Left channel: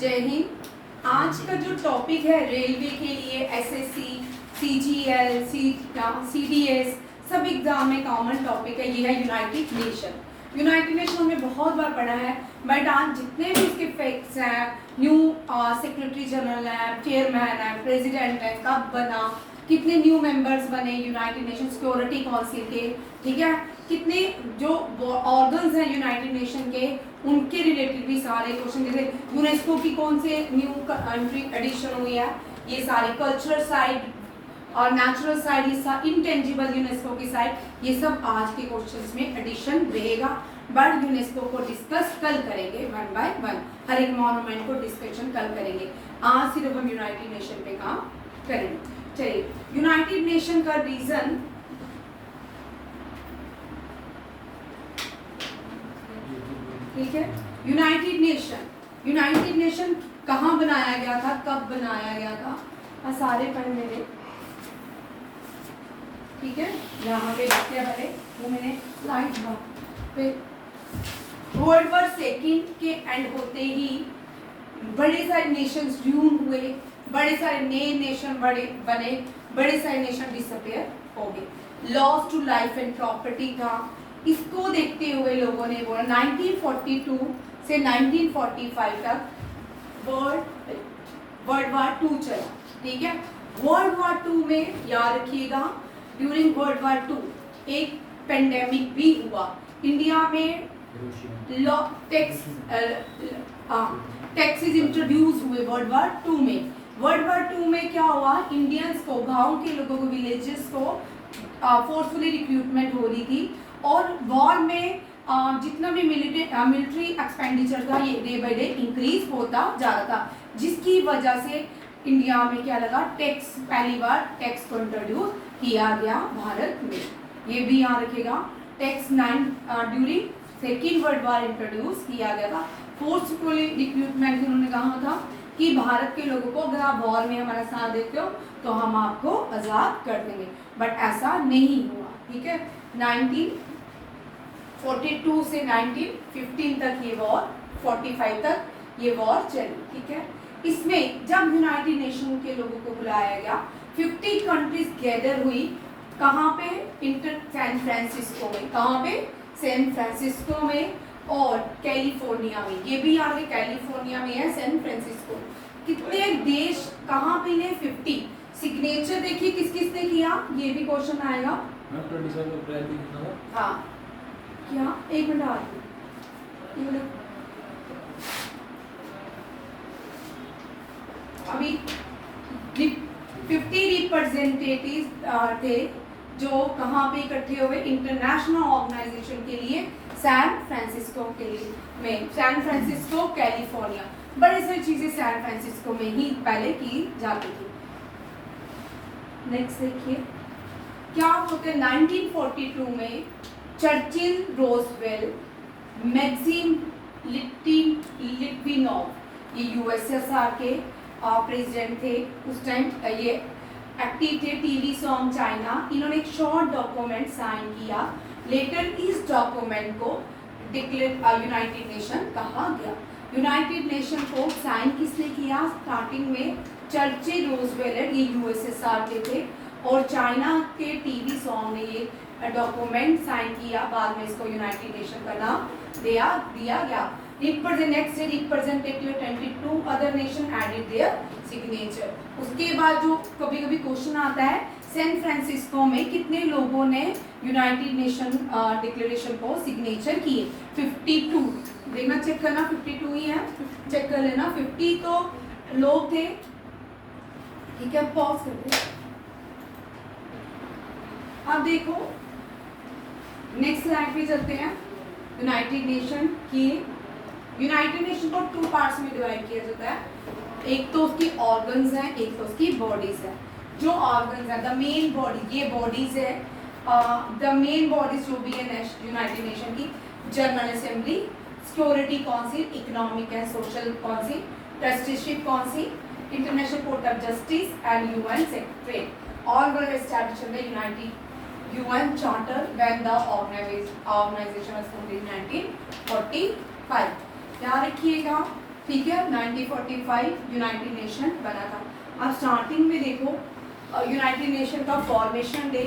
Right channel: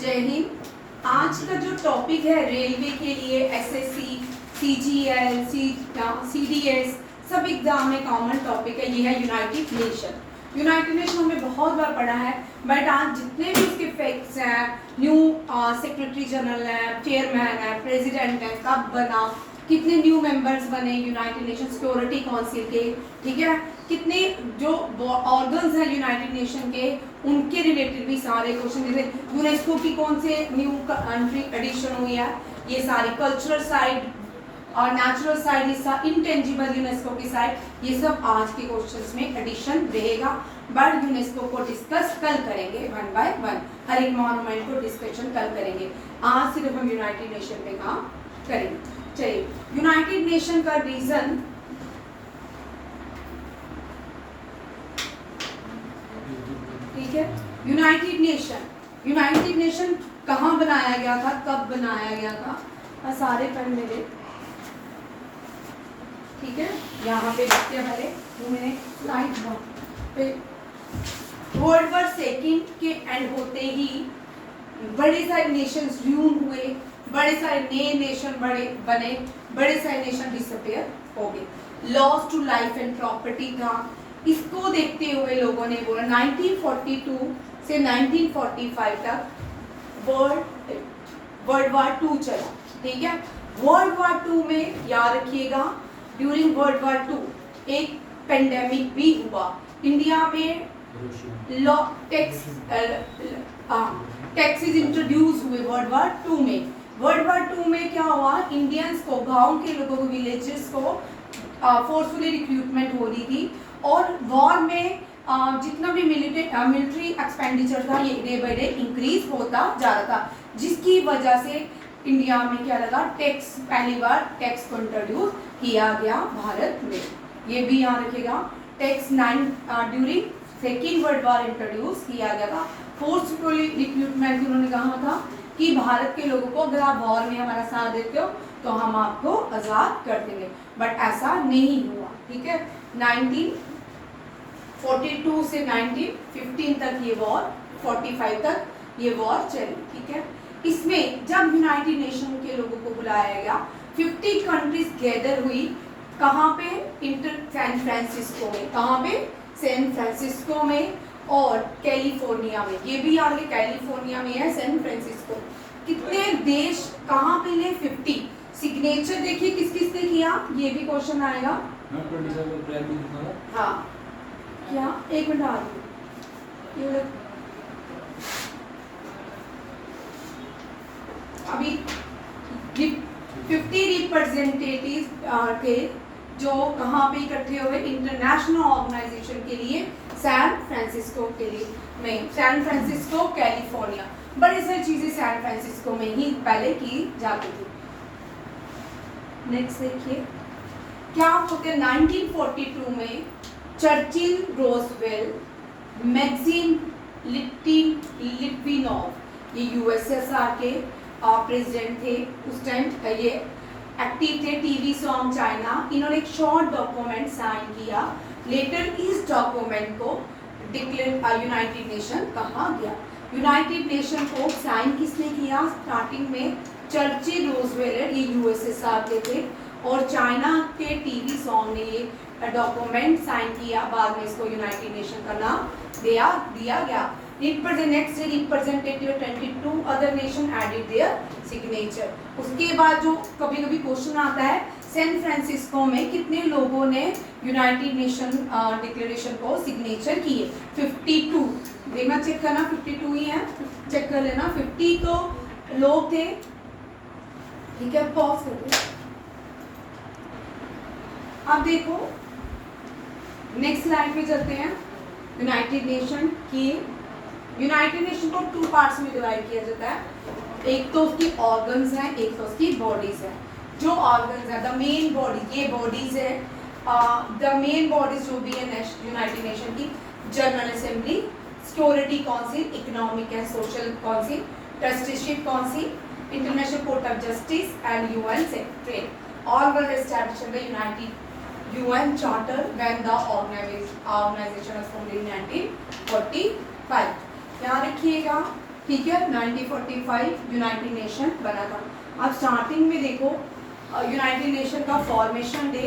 जय हिंद। आज का जो टॉपिक है रेलवे के लिए एसएससी, सीजीएल, सीडीएस सब एग्जाम में कॉमन टॉपिक है, ये है यूनाइटेड नेशन। यूनाइटेड नेशन हमने बहुत बार पढ़ा है, बट आज जितने भी इसके फैक्ट्स हैं, न्यू सेक्रेटरी जनरल है, चेयरमैन है, प्रेसिडेंट है, कब बना, कितने न्यू मेंबर्स बने यूनाइटेड नेशन सिक्योरिटी काउंसिल के, ठीक है, कितने जो ऑर्गन्स हैं यूनाइटेड नेशन के उनके रिलेटेड भी सारे क्वेश्चन, जैसे यूनेस्को की कौन से न्यू कंट्री एडिशन हुई है, ये सारी कल्चरल साइड और नेचुरल साइड, ये इंटेंजिबल यूनेस्को की साइड, ये सब आज के क्वेश्चंस में एडिशन रहेगा। बट यूनेस्को को डिस्कस कल करेंगे वन बाय वन, हर एक मॉन्यूमेंट को डिस्कशन कल करेंगे। आज सिर्फ हम यूनाइटेड नेशन पे काम करेंगे। चलिए, यूनाइटेड नेशन का रीजन ठीक है। यूनाइटेड नेशन कहाँ बनाया गया था, कब बनाया गया था, सारे पढ़ मेरे, ठीक है, यहाँ पे देखते भले वो मैंने स्लाइड पे वर्ल्ड वॉर सेकेंड के एंड होते ही बड़े सारे नेशंस ड्यून हुए, बड़े सारे नए नेशन बने, बड़े सारे नेशन डिसअपेयर हो गए, loss to life and property था। इसको देखते हुए लोगों ने बोला 1942 से 1945 तक वर्ल्ड वॉर 2 चला, ठीक है। वर्ल्ड वॉर 2 में याद रखिएगा, ड्यूरिंग वर्ल्ड वॉर 2 एक पेंडेमिक भी हुआ इंडिया में, लॉ टैक्सेस इंट्रोड्यूस हुए वर्ल्ड वॉर 2 में। वर्ल्ड वॉर 2 में क्या हुआ, इंडियंस को, गांव के लोगों को, विलेजेस को फोर्सफुली रिक्रूटमेंट हो रही थी, और वॉर में जितना भी मिलिट्री एक्सपेंडिचर था ये डे बाय डे इंक्रीज होता जा रहा था, जिसकी वजह से इंडिया में क्या लगा, टैक्स, पहली बार टैक्स को इंट्रोड्यूस किया गया भारत में। ये भी यहाँ रखिएगा, tax during second world war introduce किया गया था। फोर्सफुली रिक्रूटमेंट उन्होंने कहा था कि भारत के लोगों को अगर आप वॉर में हमारा साथ देते हो तो हम आपको आज़ाद कर देंगे, बट ऐसा नहीं हुआ, ठीक है। 1942 से 1915 तक ये वॉर, 45 तक ये वॉर चली, ठीक है। इसमें जब यूनाइटेड नेशन के लोगों को बुलाया गया, 50 कंट्रीज गैदर हुई, कहाँ पे, सैन फ्रांसिस्को में, कहाँ पे, सैन फ्रांसिस्को में और कैलिफोर्निया में, ये भी याद है कैलिफोर्निया में है सैन फ्रांसिस्को। कितने देश कहाँ पे ने, 50। सिग्नेचर देखिए किस किस ने किया, ये भी क्वेश्चन आएगा। हाँ क्या, एक मिनट आ रही, अभी 50 रिप्रेजेंटेटिव थे जो कहाँ पे इकट्ठे हुए, इंटरनेशनल ऑर्गेनाइजेशन के लिए सैन फ्रांसिस्को के लिए में, सैन फ्रांसिस्को कैलिफोर्निया, बड़ी सारी चीजें सैन फ्रांसिस्को में ही पहले की जाती थी। नेक्स्ट देखिए क्या होते, 1942 में चर्चिल, रोजवेल, मैक्सिम लिट्विनोव, ये यूएसएसआर के प्रेसिडेंट थे उस टाइम, ये एक्टिव थे, टीवी सॉन्ग चाइना, इन्होंने एक शॉर्ट डॉक्यूमेंट साइन किया। लेटर इस डॉक्यूमेंट को डिक्लेयर यूनाइटेड नेशन कहा गया। यूनाइटेड नेशन को साइन किसने किया, स्टार्टिंग में चर्चिल, रोजवेल, ये यूएसएसआर के थे, और चाइना के टीवी सॉन्ग ने ये डॉक्यूमेंट साइन किया, बाद में इसको यूनाइटेड नेशन का नाम दिया गया। Next day representative 22 other nation added their signature. उसके बाद जो कभी कभी क्वेश्चन आता है, सैन फ्रांसिस्को में कितने लोगों ने यूनाइटेड नेशन डिक्लेरेशन को सिग्नेचर किए, 52। देखना, चेक करना, 52 ही है, चेक कर लेना, 50 तो लोग थे, ठीक है। पॉज करते, अब देखो नेक्स्ट स्लाइड पे चलते हैं। यूनाइटेड नेशन की, यूनाइटेड नेशन को 2 पार्ट्स में डिवाइड किया जाता है, एक तो उसकी ऑर्गन्स हैं, एक तो उसकी बॉडीज है। जो ऑर्गन्स है, द मेन बॉडी, ये बॉडीज है, द मेन बॉडीज जो भी है यूनाइटेड नेशन की, general assembly, security council, economic and social council, trusteeship council, international Court of justice and UN secretariat. All were established in the United UN Charter when the organization was formed in 1945। याद रखिएगा ठीक है। 1945 United nation बना था। अब starting में देखो United Nation का फॉर्मेशन डे,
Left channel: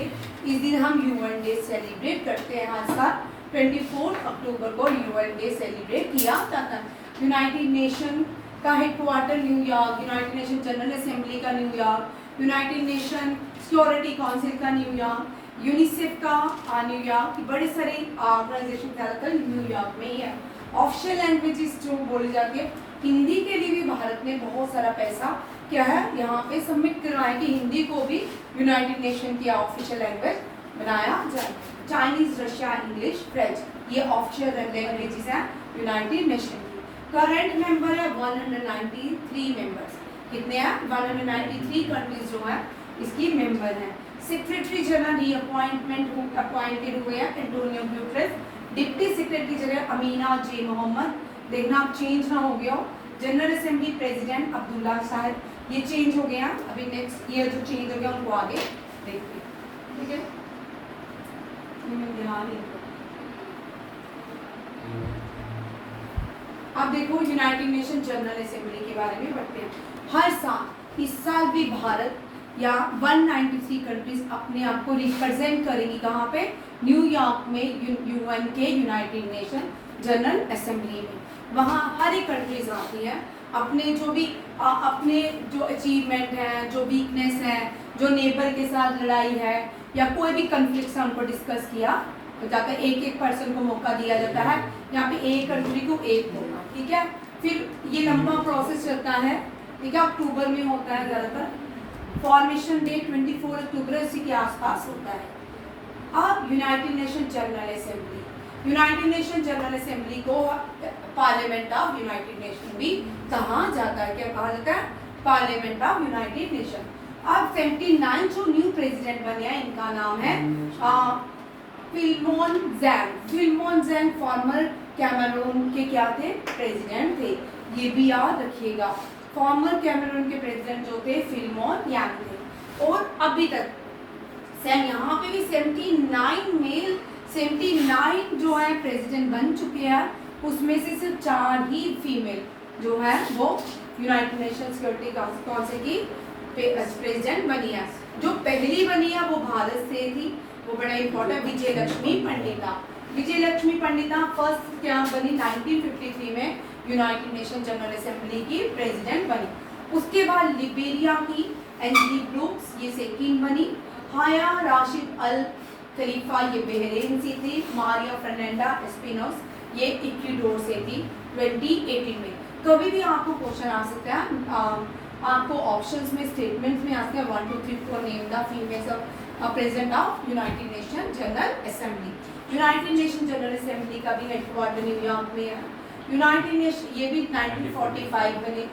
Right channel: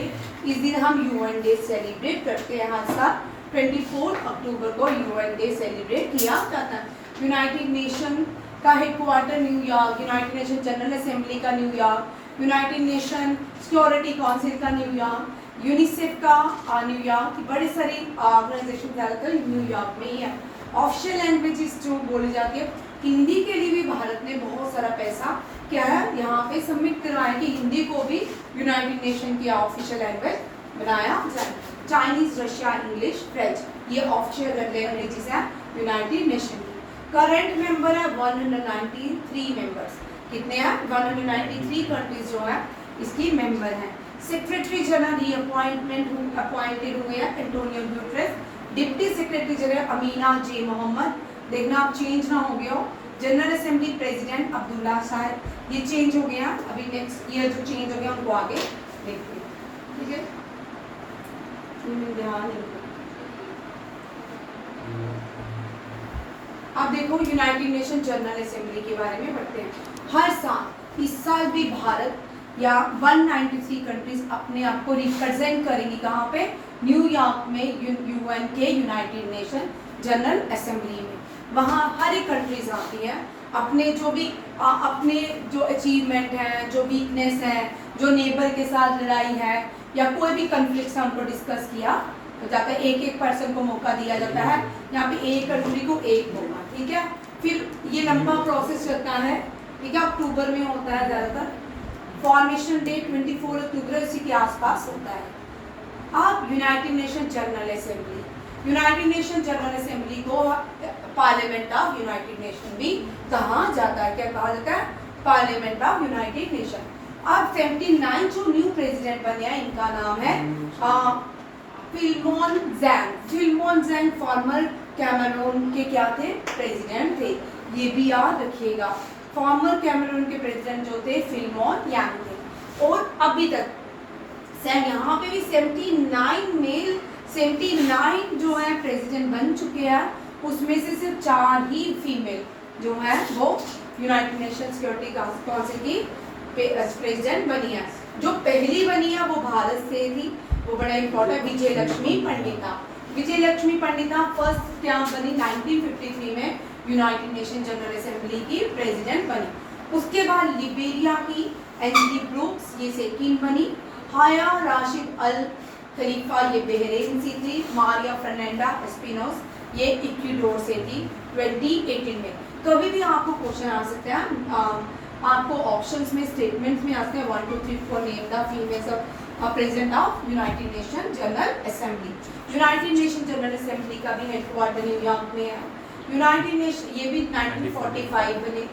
इस दिन हम यूएन डे सेलिब्रेट करते हैं। हर साल 24 अक्टूबर को यूएन डे सेलिब्रेट किया जाता है। यूनाइटेड नेशन का headquarter New York, United Nation General Assembly का New York, United Nation Security Council का न्यूयॉर्क, यूनिसेफ का न्यूयॉर्क, बड़े सारे ऑर्गेनाइजेशन ज़्यादातर न्यूयॉर्क में ही है। ऑफिशियल लैंग्वेजेस जो बोली जाती है, हिंदी के लिए भी भारत ने बहुत सारा पैसा क्या है यहाँ पे सबमिट करवाया कि हिंदी को भी यूनाइटेड नेशन की ऑफिशियल लैंग्वेज बनाया जाए। चाइनीज, रशिया, इंग्लिश, फ्रेंच, ये ऑफिशियल लैंग्वेजेस हैं यूनाइटेड नेशन की। करंट मेंबर है 193 मेंबर्स। कितने हैं? 193 कंट्रीज जो है इसकी मेंबर हैं। सेक्रेटरी जनरल रीअपॉइंटमेंट अपॉइंटेड हुए हैं Antonio Guterres. Deputy secretary general Amina J Mohammed, देखना आप चेंज ना हो गया हो। जनरल असेंबली प्रेसिडेंट अब्दुल्ला साहब, ये चेंज हो गया। अभी नेक्स्ट ईयर जो चेंज हो गया उनको आगे देखते हैं, ठीक है। अब देखो यूनाइटेड नेशन जनरल असेंबली के बारे में बढ़ते हैं। हर साल, इस साल भी भारत या 193 कंट्रीज अपने आप को रिप्रेजेंट करेंगी कहाँ पे? न्यूयॉर्क में यूएन के यूनाइटेड नेशन जनरल असेंबली में। वहाँ हर एक कंट्रीज आती है अपने जो भी अपने जो अचीवमेंट हैं, जो वीकनेस है, जो नेबर के साथ लड़ाई है या कोई भी कन्फ्लिक्ट है उनको डिस्कस किया जाता है। एक एक पर्सन को मौका दिया जाता है। यहाँ पे एक कंट्री को एक होगा, ठीक है। फिर ये लंबा प्रोसेस चलता है, ठीक है। अक्टूबर में होता है ज़्यादातर। फॉर्मेशन डे 24 अक्टूबर इसी के आसपास होता है। अब United Nation General assembly, United Nation General assembly को पार्लियामेंट ऑफ यूनाइटेड नेशन भी कहा जाता है। क्या कहा जाता है? Parliament of United nation. अब 79 जो न्यू प्रेसिडेंट बने हैं इनका नाम है फिल्मोन जैंग। फिल्मोन जैंग फॉर्मर कैमरून के क्या थे? प्रेसिडेंट थे। ये भी याद रखिएगा, फॉर्मर कैमरून के प्रेसिडेंट जो थे फिल्मोन यांग थे। और अभी तक यहाँ पे भी 79 जो है प्रेसिडेंट बन चुके हैं। उसमें से सिर्फ 4 ही फीमेल जो है वो यूनाइटेड नेशन सिक्योरिटी काउंसिल की प्रेसिडेंट बनी है। जो पहली बनी है वो भारत से थी, वो बड़ा इम्पोर्टेंट, विजय लक्ष्मी पंडिता। विजय लक्ष्मी पंडिता फर्स्ट क्या बनी? 1953 में यूनाइटेड नेशन जनरल असेंबली की प्रेसिडेंट बनी। उसके बाद लिबेरिया की एंजली ब्रूक्स, ये सेकंड बनी। हाया राशिद अल खलीफा, ये बहरीन से थी। मारिया फर्नांडा एस्पिनोस, ये इक्वाडोर से थी 2018 में। कभी भी आपको क्वेश्चन आ सकता है, आपको ऑप्शंस में स्टेटमेंट्स में आते हैं 1 2 3 4 name the females of president of United Nation General assembly. United Nation General Assembly का भी हेडक्वार्टर न्यूयॉर्क में है। यूनाइटेड नेशन ये भी 1945 में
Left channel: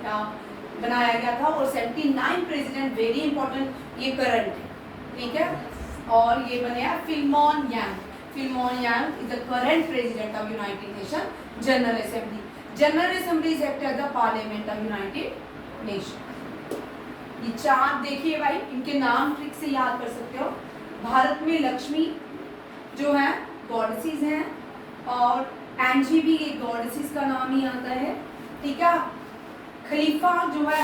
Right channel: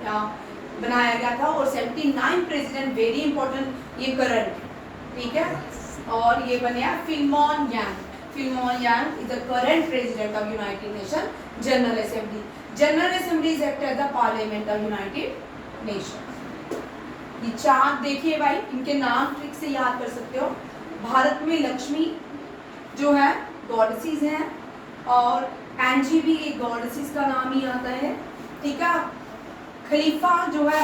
बनाया गया था। और 79 प्रेसिडेंट, वेरी इंपॉर्टेंट, ये करंट, ठीक है। और ये बने हैं Philemon Yang. Philemon Yang is the current president of United Nation General Assembly. General Assembly is act as the parliament of United Nation. ये 4 देखिए भाई, इनके नाम ट्रिक से याद कर सकते हो। भारत में लक्ष्मी जो है गॉडेसेस हैं, और एंजी भी एक गॉडेसेस का नाम ही आता है, ठीक है। खलीफा जो है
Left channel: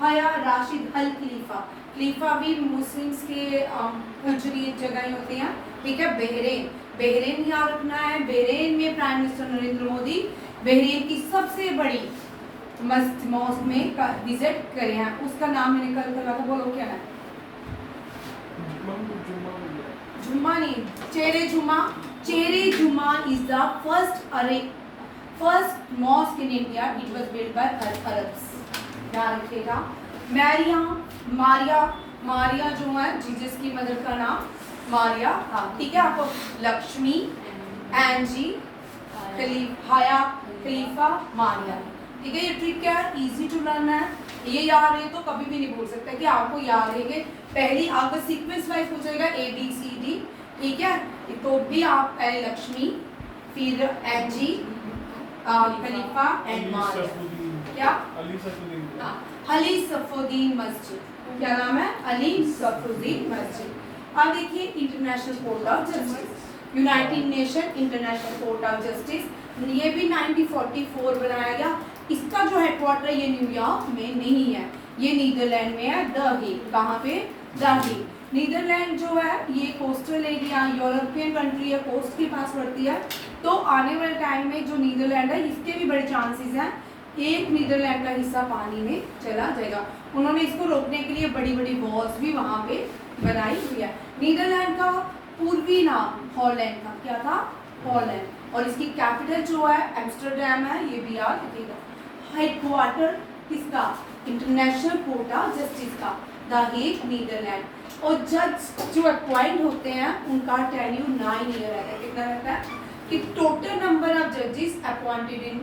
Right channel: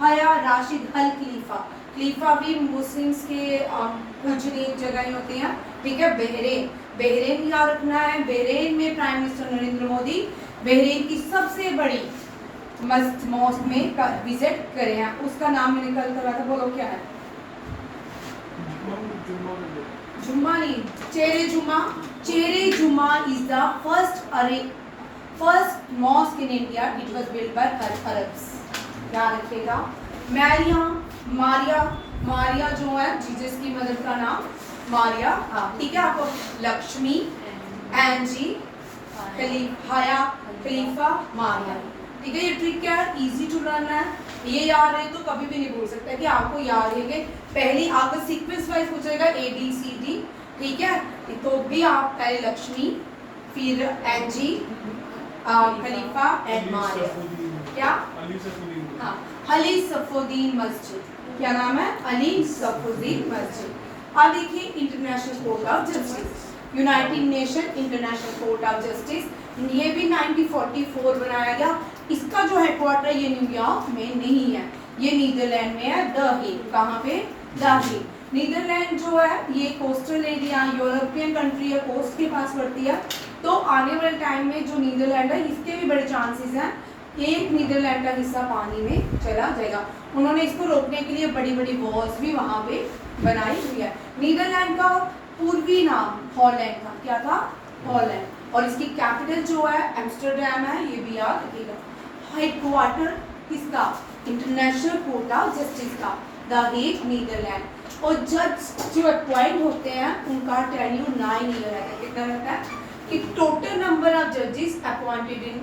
हया राशिद अल खलीफा, खलीफा भी मुस्लिम्स के पूजनीय जगह होते हैं, ठीक है। बहरीन याद रखना है। बहरीन में prime minister Narendra Modi Bahrain की सबसे बड़ी मॉस्क में विजिट करे हैं। उसका नाम मैंने कल करवा था, बोलो क्या है? जुम्मा नहीं, चेरे जुमा। चेरे जुमा is the first mosque in India. It was built by Arabs, ध्यान रखिएगा। मारिया जो है जीसस की मदर का नाम मारिया, हाँ ठीक है। आपको लक्ष्मी, एंजी, हाया, खलीफा, मारिया, ठीक है। ये ट्रिक क्या है? इजी टू लर्न है। ये याद रहे तो कभी भी नहीं भूल सकते कि आपको याद रहेंगे। पहली आपका सीक्वेंस वाइज पूछेगा ABCD, ठीक है। तो भी आप पहले लक्ष्मी, फिर एंजी, खलीफा एंड मारिया। क्या? हाँ, अली सफुद्दीन मस्जिद, क्या नाम है? अली सफुद्दीन मस्जिद। अब देखिए international Court of justice, United Nation international Court of justice, ये भी 1944 बनाया गया। इसका जो हेडक्वार्टर ये न्यूयॉर्क में नहीं है, ये नीदरलैंड में है, द हेग। कहाँ पे? The Hague. नीदरलैंड जो है ये कोस्टल एरिया, यूरोपियन कंट्री है, कोस्ट के पास पड़ती है। तो आने वाले टाइम में जो नीदरलैंड है इसके भी बड़े चांसेस हैं एक नीदरलैंड का हिस्सा पानी में चला जाएगा। उन्होंने इसको रोकने के लिए बड़ी बड़ी वॉल्स भी वहाँ पे बनाई हुई है। नीदरलैंड का पूर्वी नाम हॉलैंड था। क्या था? हॉलैंड। और इसकी कैपिटल जो है एम्स्टरडैम है, ये भी याद रखिएगा। हेडक्वार्टर किसका? इंटरनेशनल कोर्ट ऑफ जस्टिस का, द हेग, नीदरलैंड। और जज जो अपॉइंट होते हैं उनका टेन्यूर 9 ईयर रहता है। कितना रहता है? कि टोटल नंबर ऑफ जजेस appointed in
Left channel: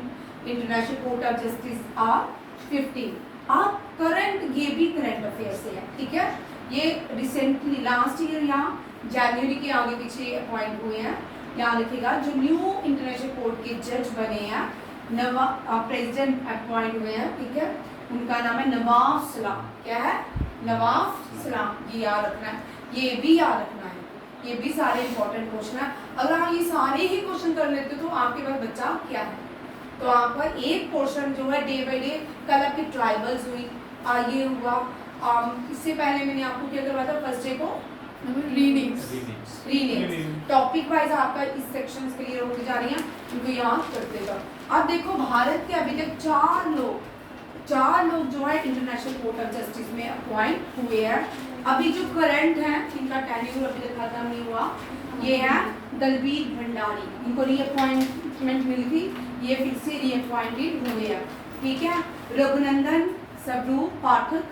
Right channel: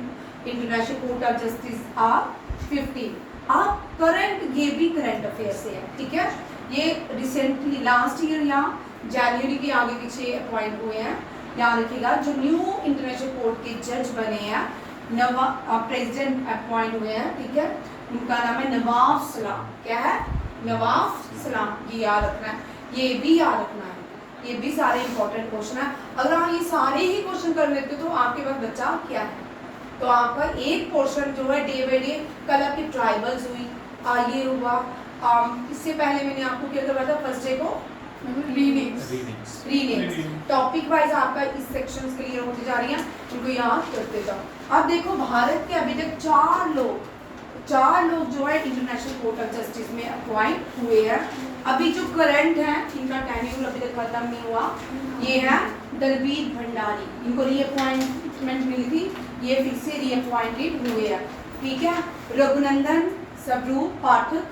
International Court of Justice are 15। आप करंट, ये भी करंट अफेयर से है, ठीक है। ये रिसेंटली लास्ट ईयर यहाँ जनवरी के आगे पीछे अपॉइंट हुए हैं। याद रखिएगा जो न्यू इंटरनेशनल कोर्ट के जज बने हैं, प्रेसिडेंट अपॉइंट हुए हैं, ठीक है, उनका नाम है नवाब सलाम। क्या है? नवाब सलाम। ये याद रखना है, ये भी याद रखना है, ये भी सारे इंपॉर्टेंट क्वेश्चन है। अगर आप ये सारे ही क्वेश्चन कर लेते तो आपके पास बच्चा क्या है? तो आपका एक पोर्शन जो है डे बाई डे, कल आपकी ट्राइबल्स हुई, ये हुआ, इससे पहले मैंने आपको क्या करवाया था फर्स्ट डे को? रीडिंग्स। टॉपिक वाइज आपका इस सेक्शंस क्लियर होती जा रही हैं, उनको याद करते जाओ। अब देखो भारत के अभी तक 4 लोग जो है इंटरनेशनल कोर्ट ऑफ जस्टिस में अपॉइंट हुए हैं। अभी जो करंट है इनका टेन्यूर अभी तक खत्म नहीं हुआ, ये है दलबीर भंडारी। इनको रीअपॉइंटमेंट मिली थी, ये फिर से रीअपॉइंटेड हुए हैं, ठीक है। रघुनंदन स्वरूप पाठक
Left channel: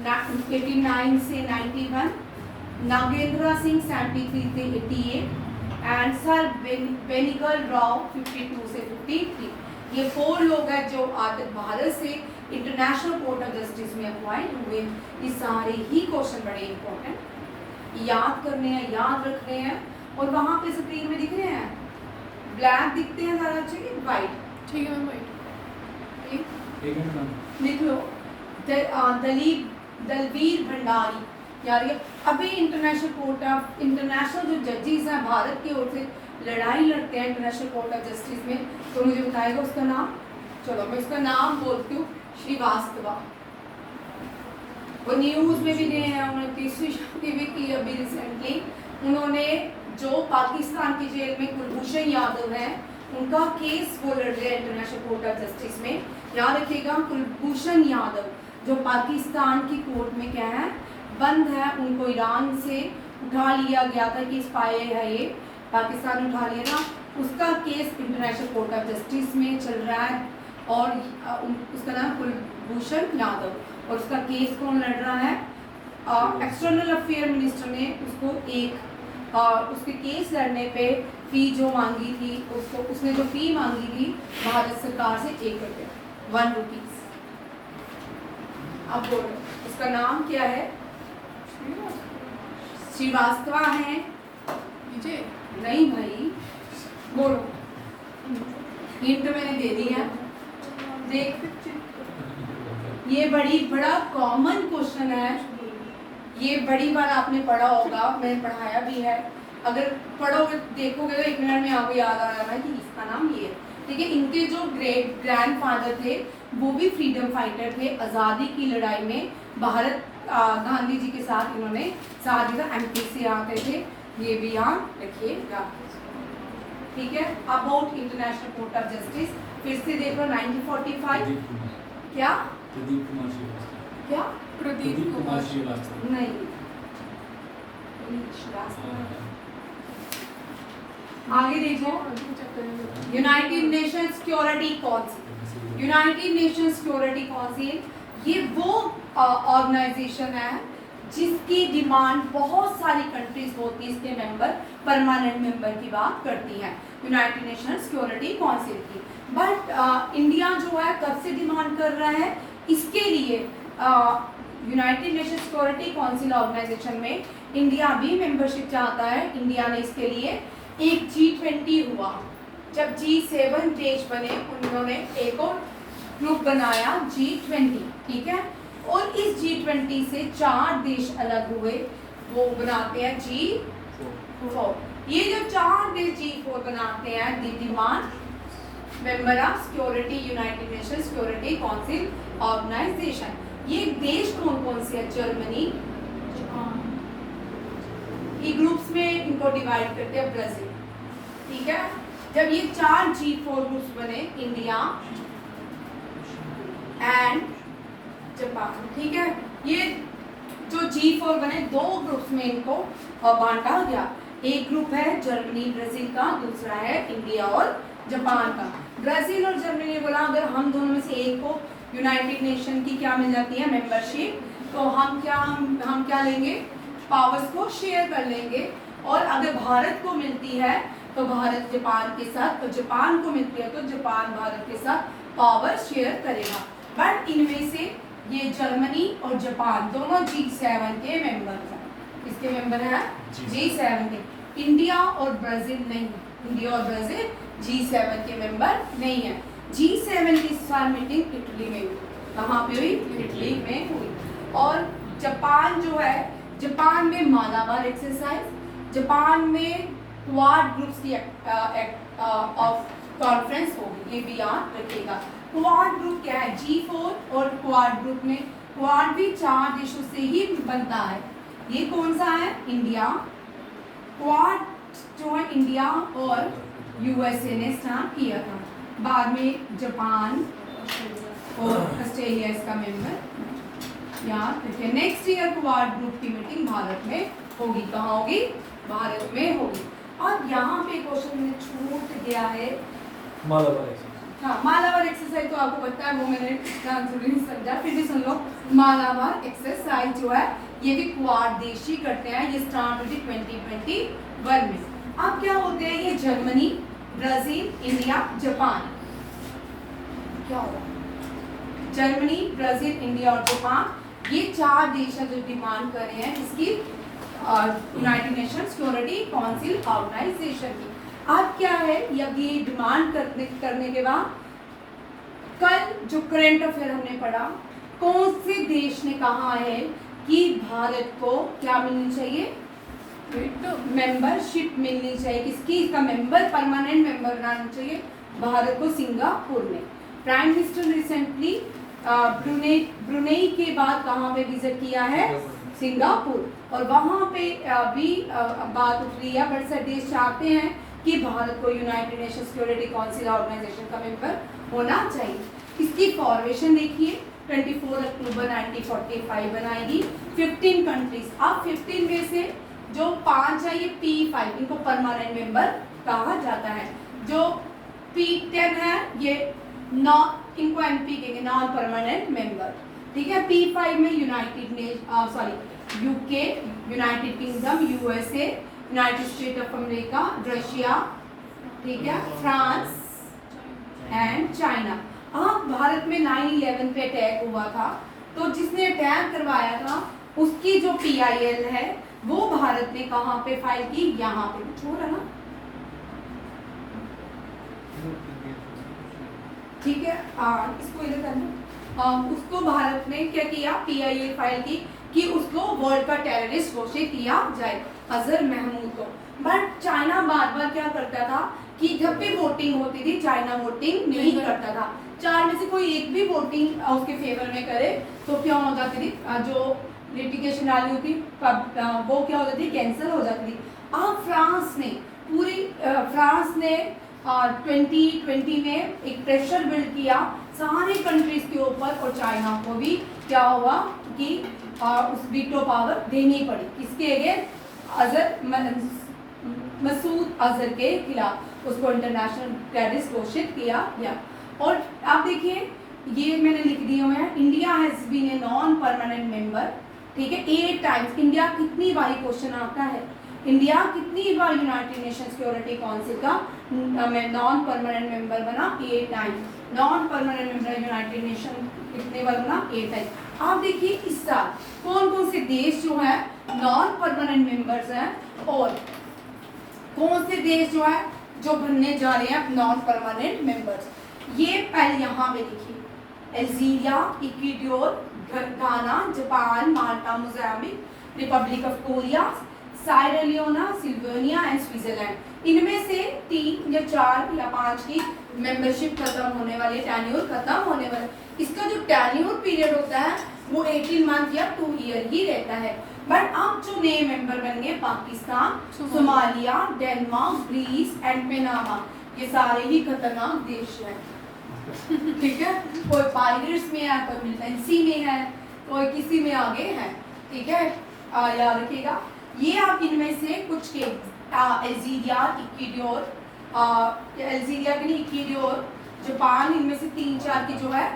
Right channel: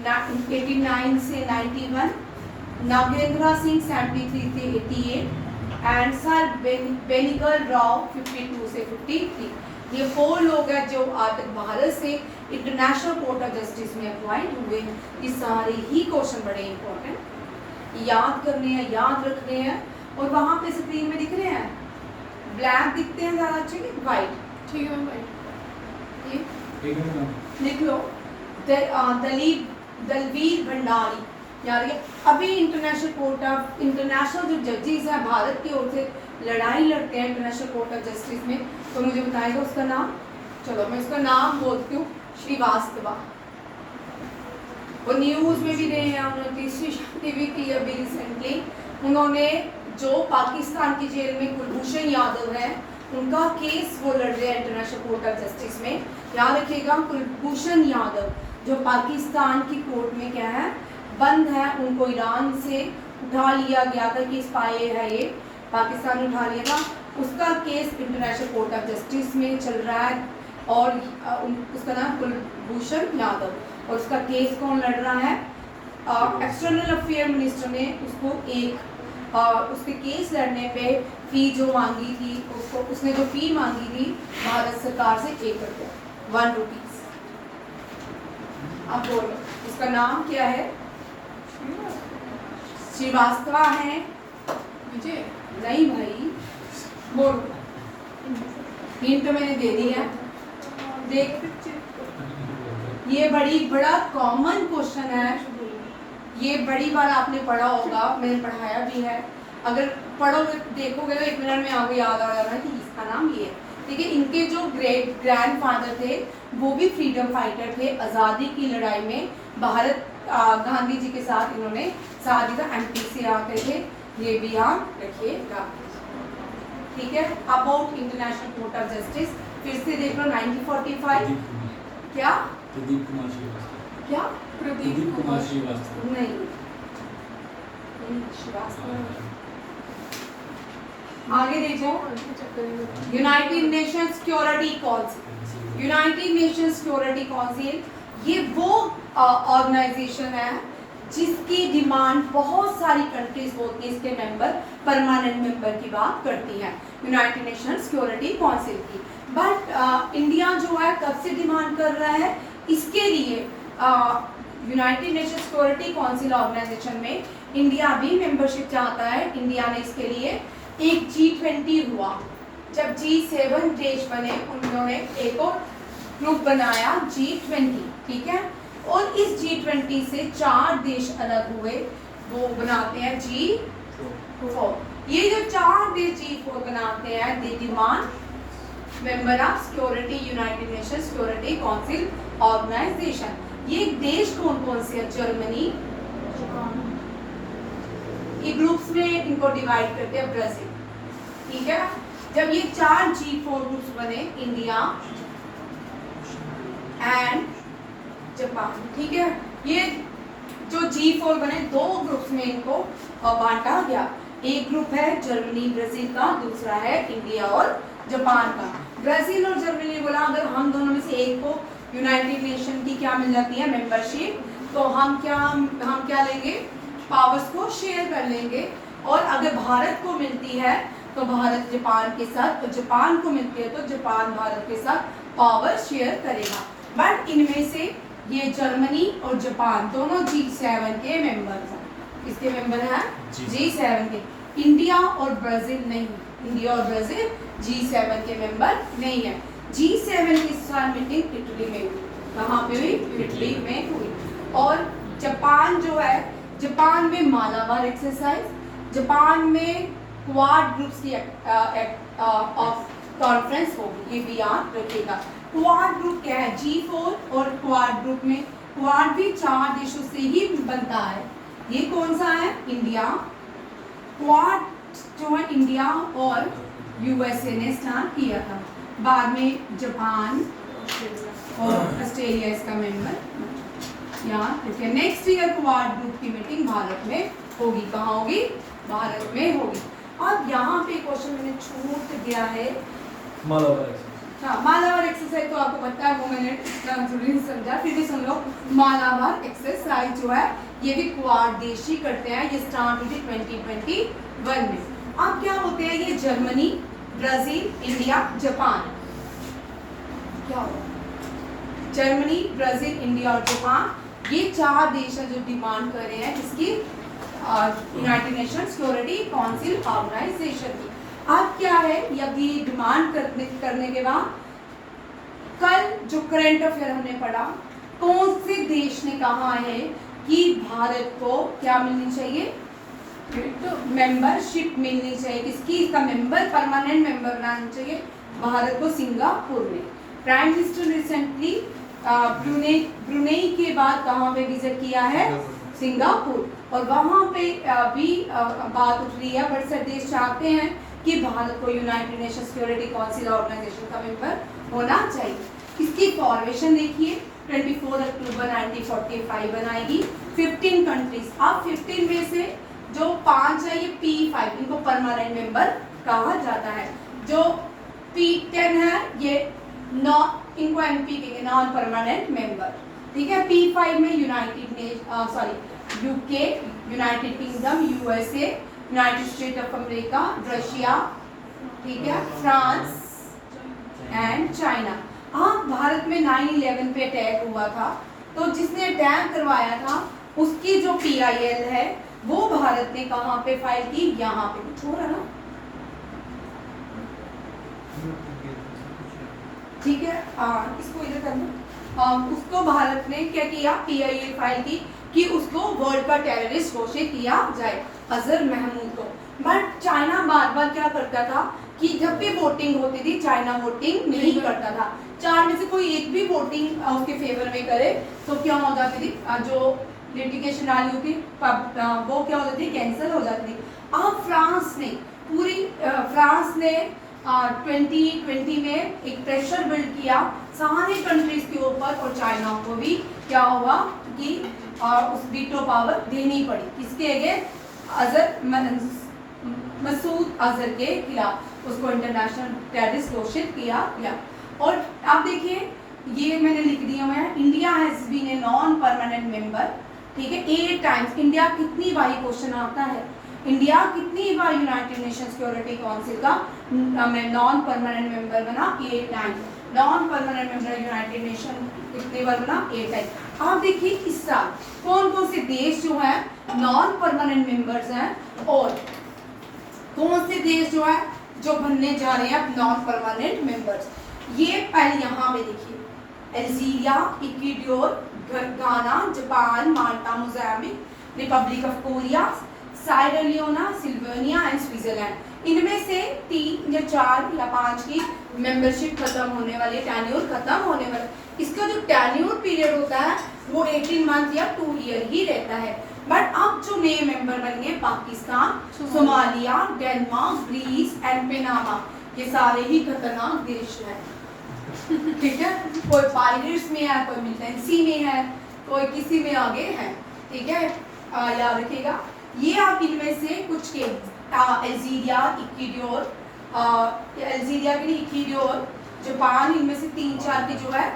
89 से 91, नागेंद्र सिंह 73 से 88 एंड सर बेनिगल राव 52 से 53। ये 4 लोग हैं जो आज तक भारत से इंटरनेशनल कोर्ट ऑफ जस्टिस में अपॉइंट हुए। ये सारे ही क्वेश्चन बड़े इंपॉर्टेंट याद करने हैं, याद रखने हैं। और वहाँ पे स्क्रीन में दिख रहे हैं ब्लैक दिखते हैं ज़्यादा अच्छे कि वाइट? ठीक है वाइट, ठीक है। लिख लो दलबीर भंडारी। यार ये अभी इंटरनेशनल जो जजेस हैं भारत की ओर से लड़ाई लड़ते हैं इंटरनेशनल कोर्ट ऑफ जस्टिस में, तो मुझे बताएगा उसका नाम। चलो मैं उसका नाम बोलती हूँ, श्रीवास्तवा। वो न्यूज़ में भी रहे हैं, उन्होंने तीसरी शादी भी की अभी रिसेंटली। उन्होंने जो पाकिस्तान की जेल में कुलभूषण यादव है उनका केस वो लड़ रहे हैं इंटरनेशनल कोर्ट ऑफ जस्टिस में। याद रखिएगा कुलभूषण यादव जो पाकिस्तान की कोर्ट में क्या है, बंद है, उनको ईरान से उठा लिया गया था कि स्पाई है, ये पाकिस्तान ने उठा लिया था। उसका case international Court of justice में चल रहा है और उसका नाम कुलभूषण यादव। और उसका केस कौन लड़ रहा है? एक्सटर्नल अफेयर मिनिस्टर ने उसको उसके केस लड़ने पे फी जो मांगी थी, उसने जो फी मांगी थी भारत सरकार से 1 रुपया, 1 रुपीज। अब बोलो उसका नाम क्या है? श्रीवास्तवा है? मुझे नहीं भाई, बोलो। हिंट तो मैंने दे दी है, देख। ये बड़ा कॉमन क्वेश्चन है, ये बड़ी बार आपने पढ़ा होगा, मैंने पढ़ाया भी है। अगर पढ़ोगे देखोगे तो 1 मिनट में आपको याद आ जाएगा कि इसका नाम ये है, ठीक है। इनके जो ग्रैंडफादर थे वो भी फ्रीडम फाइटर थे, आज़ादी की लड़ाई में भारत गांधी जी के साथ इन्होंने साथ दिया, एमपी से आते थे। ये भी याद रखिएगा, ठीक है। About international Court of justice फिर से देख लो 1945। क्या? प्रदीप कुमार श्रीवास्तव। क्या? प्रदीप कुमार श्रीवास्तव नहीं, श्रीवास्तव। आगे देखो United Nation Security council. United Nation Security council ये वो ऑर्गेनाइजेशन है जिसकी डिमांड बहुत सारी कंट्रीज होती है, इसके मेंबर परमानेंट मेंबर की बात करती हैं यूनाइटेड नेशन सिक्योरिटी काउंसिल की। बट इंडिया जो है कब से डिमांड कर रहा है इसके लिए? United Nation Security Council organisation में इंडिया भी मेंबरशिप चाहता है। इंडिया ने इसके लिए एक G20 हुआ, जब G7 देश बने उन्होंने एक और ग्रुप बनाया G20, ठीक है। और इस G20 से 4 देश अलग हुए, वो बनाते हैं G4। ये जो 4 देश G4 बनाते हैं, they demand member of security United Nation Security Council organisation. ये देश कौन कौन से है? जर्मनी, ये ग्रुप्स में इनको डिवाइड करते हैं, ब्राजील, ठीक है। जब ये 4 G4 ग्रुप्स बने, इंडिया एंड जापान, ठीक है। ये जो G4 बने 2 ग्रुप्स में इनको बांटा गया। एक ग्रुप है जर्मनी ब्राजील का, दूसरा है इंडिया और जापान का। ब्राजील और जर्मनी ने बोला अगर हम दोनों में से एक को यूनाइटेड नेशन की क्या मिल जाती है, मेंबरशिप, तो हम क्या लेंगे, पावर्स को शेयर कर लेंगे। और अगर भारत को मिलती है तो भारत जापान के साथ, तो जापान को मिलती है तो जापान भारत के साथ पावर शेयर करेगा। बट इनमें से ये जर्मनी और जापान दोनों G7 के मेंबर हैं। इसके मेंबर हैं G7 के। इंडिया और ब्राजील नहीं, इंडिया और ब्राजील G7 के मेंबर नहीं है। G7 की साल मीटिंग इटली में हुई। कहाँ पे हुई? इटली में हुई। और जापान जो है, जापान में मालाबार एक्सरसाइज, जापान में क्वाड ग्रुप्स की ऑफ कॉन्फ्रेंस होगी, ये भी याद रखिएगा। क्वाड ग्रुप क्या है? G4 और क्वाड ग्रुप में क्वाड भी 4 देशों से ही बनता है। ये कौन सा है? इंडिया। क्वाड जो है इंडिया और यूएसए ने स्टार्ट किया था, बाद में जापान और ऑस्ट्रेलिया इसका मेंबर। याद रखिए, नेक्स्ट ईयर क्वाड ग्रुप की मीटिंग भारत में होगी। कहाँ होगी? भारत में होगी। और यहाँ पे क्वेश्चन में छूट गया है मालाबार एक्सरसाइज। हाँ, मालाबार एक्सरसाइज तो आपको पता है, वो मैंने आंसर नहीं समझा, फिर भी सुन लो। मालाबार एक्सरसाइज जो है ये भी क्वाड देश ही करते हैं। ये स्टार्ट हुई थी 2021 में। अब क्या होते हैं ये? Germany, Brazil, India, Japan. क्या होगा? जर्मनी, ब्राजील, इंडिया और जापान, ये 4 देश हैं जो डिमांड कर रहे हैं इसकी United Nation Security Council organisation की। अब क्या है, यदि डिमांड करने के बाद कल जो करंट अफेयर हमने पढ़ा, कौन से देश ने कहा है कि भारत को क्या मिलनी चाहिए? मेंबरशिप मिलनी चाहिए। किसकी? इसका मेंबर, परमानेंट मेंबर बनाना चाहिए भारत को सिंगापुर में। प्राइम मिनिस्टर रिसेंटली ब्रुनेई के बाद कहाँ पे विजिट किया है? सिंगापुर। और वहाँ पे भी बात उठ रही है, बट सब देश चाहते हैं कि भारत को United Nation Security Council organisation का मेंबर होना चाहिए। इसकी फॉर्मेशन देखिए, 24 अक्टूबर 1945 बनाएगी। 15 कंट्रीज। अब 15 में से जो 5 है ये P5, इनको परमानेंट मेंबर कहा जाता है। जो P10 है ये इनको MP कहेंगे, नॉन परमानेंट मेंबर, ठीक है। P5 में UK, United kingdom, USA, United state of America, Russia, ठीक है, फ्रांस एंड चाइना। हाँ, भारत में 9/11 पे अटैक हुआ था, तो जिसने अटैक करवाया था उसकी जो PIL है वो भारत ने कहाँ पे फाइल की? यहाँ पे। कुछ हो रहा ना, ठीक है। इसको इधर कर दो। उसको भारत ने क्या किया? PIL फाइल की कि उसको वर्ल्ड का टेररिस्ट घोषित किया जाए, अजहर महमूद को। बट चाइना बार बार क्या करता था कि जब भी वोटिंग होती थी, चाइना वोटिंग नहीं करता था। 4 में से कोई एक भी वोटिंग उसके फेवर में करे तो क्या हो जाती थी? जो लिटिगेशन डाली होती वो क्या हो जाती थी? कैंसिल हो जाती थी। अब फ्रांस ने 2020 में एक प्रेशर बिल्ड किया सारी कंट्रीज के ऊपर, और चाइना को भी क्या हुआ कि उस वीटो पावर देनी पड़ी। किसके अगेंस्ट? मसूद अजहर के खिलाफ उसको इंटरनेशनल टेररिस्ट घोषित किया गया। और आप देखिए, ये मैंने लिख दिया हुआ है, India has been a non permanent member, ठीक है, 8 टाइम्स। इंडिया कितनी बार, क्वेश्चन आता है, इंडिया कितनी बार यूनाइटेड नेशन सिक्योरिटी काउंसिल का नॉन परमानेंट मेंबर बना? 8 times. Non permanent member United nation कितनी बार बना? 8 टाइम्स। आप देखिए इस साल कौन कौन से देश जो है नॉन परमानेंट मेंबर्स हैं, और कौन से देश जो है जो बनने जा रहे हैं नॉन परमानेंट मेंबर्स। ये पहले यहाँ पे देखिए, Algeria, Ecuador, Ghana, Japan, Malta, Mozambique, Republic of Korea, Saira Leone, Slovenia and Switzerland. इनमें से 3 या 4 या 5 की मेंबरशिप खत्म होने वाली, टेन्योर खत्म होने वाला। इसका जो टेन्योर पीरियड होता है वो 18 मंथ या 2 ईयर ही रहता है। बट अब जो नए मेंबर बन गए Pakistan, Somalia, Denmark, Greece and Panama, ये सारे ही खतरनाक देश हैं। ठीक है, कोई पायरेट्स में है, कोई मिलिटेंसी में है, कोई किसी में आगे है। ठीक है, याद रखिएगा। ये आप इनमें से कुछ के अल्जीरिया, इक्वाडोर, अल्जीरिया के लिए इक्वाडोर, जापान, इनमें से 3-4 की जो है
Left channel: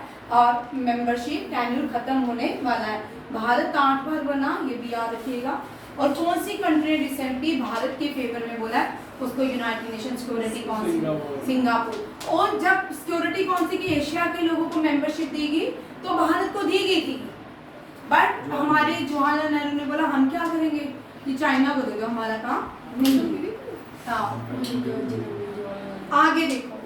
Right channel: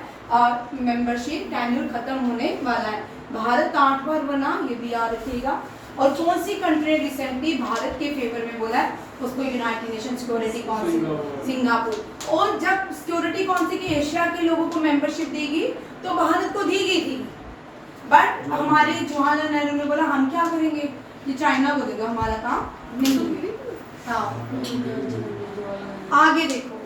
मेंबरशिप टेन्योर खत्म होने वाला है। भारत 8 बार बना, ये भी याद रखिएगा। और कौन सी कंट्री रिसेंटली भारत के फेवर में बोला है, उसको United Nation Security council, Singapore. और जब सिक्योरिटी काउंसिल के एशिया के लोगों को मेंबरशिप देगी तो भारत को दी गई थी, बट हमारे जवाहरलाल नेहरू ने बोला हम क्या करेंगे, ये चाइना को देगा, हमारा काम नहीं होगा। हाँ, आगे देखो,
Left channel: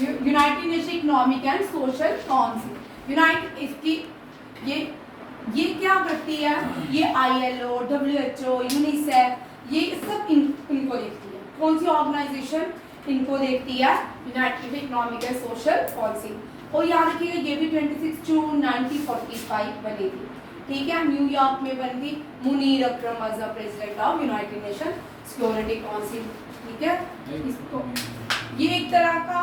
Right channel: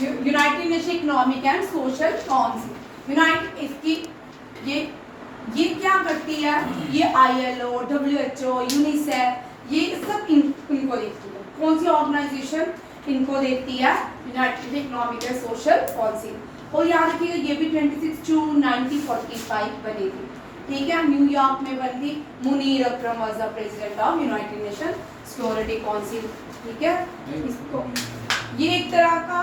United nation economic and social council, United इसकी ये क्या करती है, ये ILO, WHO, यूनिसेफ, ये सब इनको देखती है। कौन सी ऑर्गेनाइजेशन इनको देखती है, United economic and social council. और याद रखिएगा ये भी 26 जून 1945 बनी थी। ठीक है, न्यूयॉर्क में बनी थी। Munir Akram was the president of United Nation Security Council. ठीक है, इसको ये एक तरह का